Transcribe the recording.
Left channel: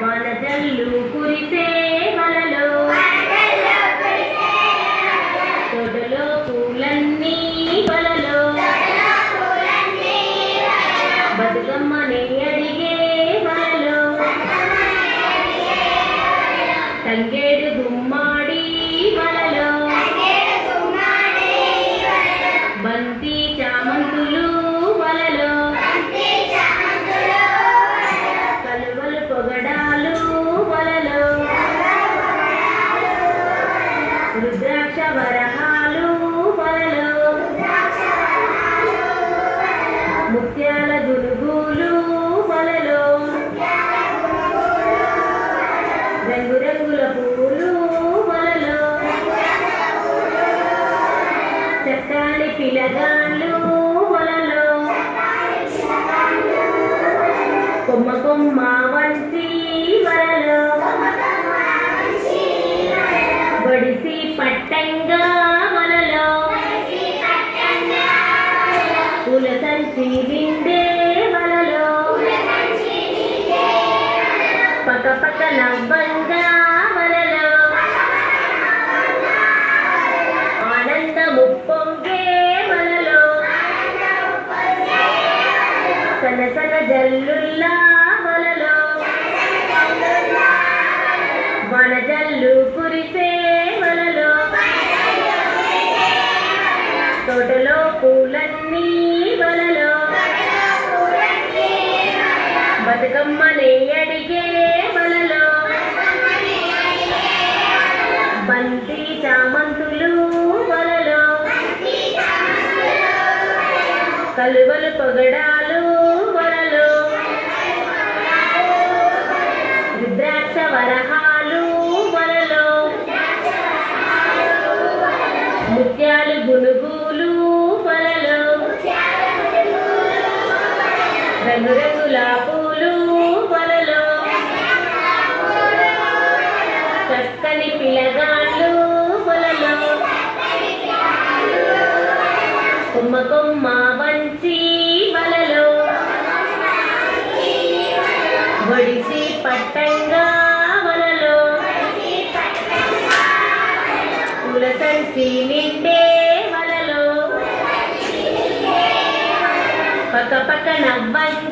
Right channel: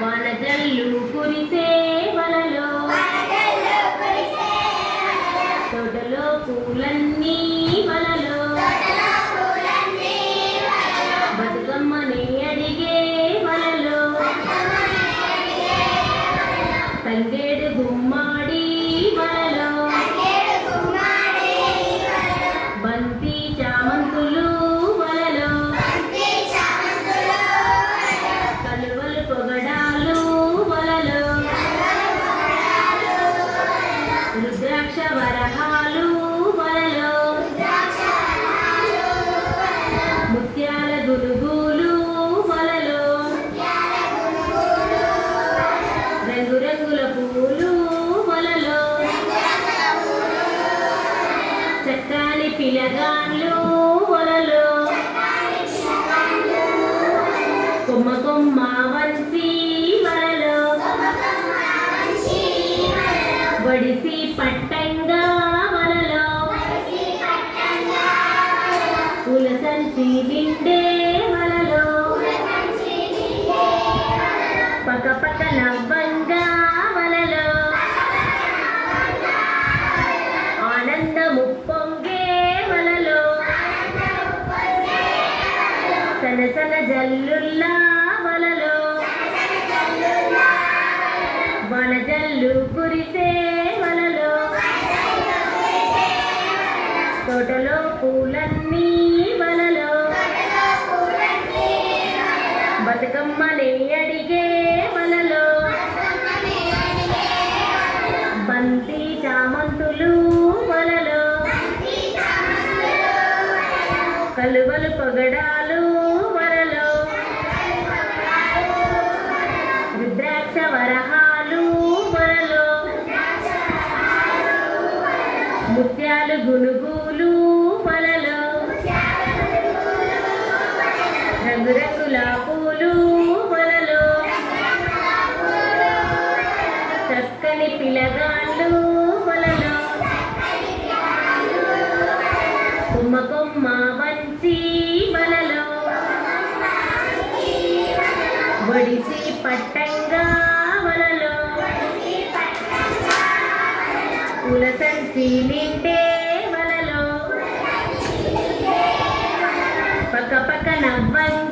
వానజల్లు కురిసే వలలో తోటలో పూలన్నీ వలలో బతుకమ్మని అడిగే వలలో తంగేడు గుమ్మాడి వలలో బంతి చామంతులు వలలో కలువలు పొగడాలు వలలో రుద్రాక్ష వరహాలు వలలో ముత్యాల గురుగులు వలలో రంగురంగుల పూలు వలలో చక్కని పిలగాళ్ళు వలలో కొమ్మ కొమ్మ వంచి వలలో వడిసి పట్టంగా వలలో పూల సంచి నిండే వలలో పక్క పక్క నవ్వంగా వలలో ఆనందము పొంగే వలలో సన సన జల్లుల్లా వలలో వనజల్లు కురిసే వలలో తోటలో పూలన్నీ వలలో బతుకమ్మని అడిగే వలలో బంతి చామంతులు వలలో కలువలు పొగడాలు వలలో రుద్రాక్ష వరహాలు వలలో ముత్యాలు గునుగులు వలలో రంగురంగుల పూలు వలలో చక్కని పిలగాళ్ళు వలలో కొమ్మ కొమ్మ వంచి వలలో వడిసి పట్టంగా వలలో పూల సంచి నిండే వలలో పక్క పక్క నవ్వంగా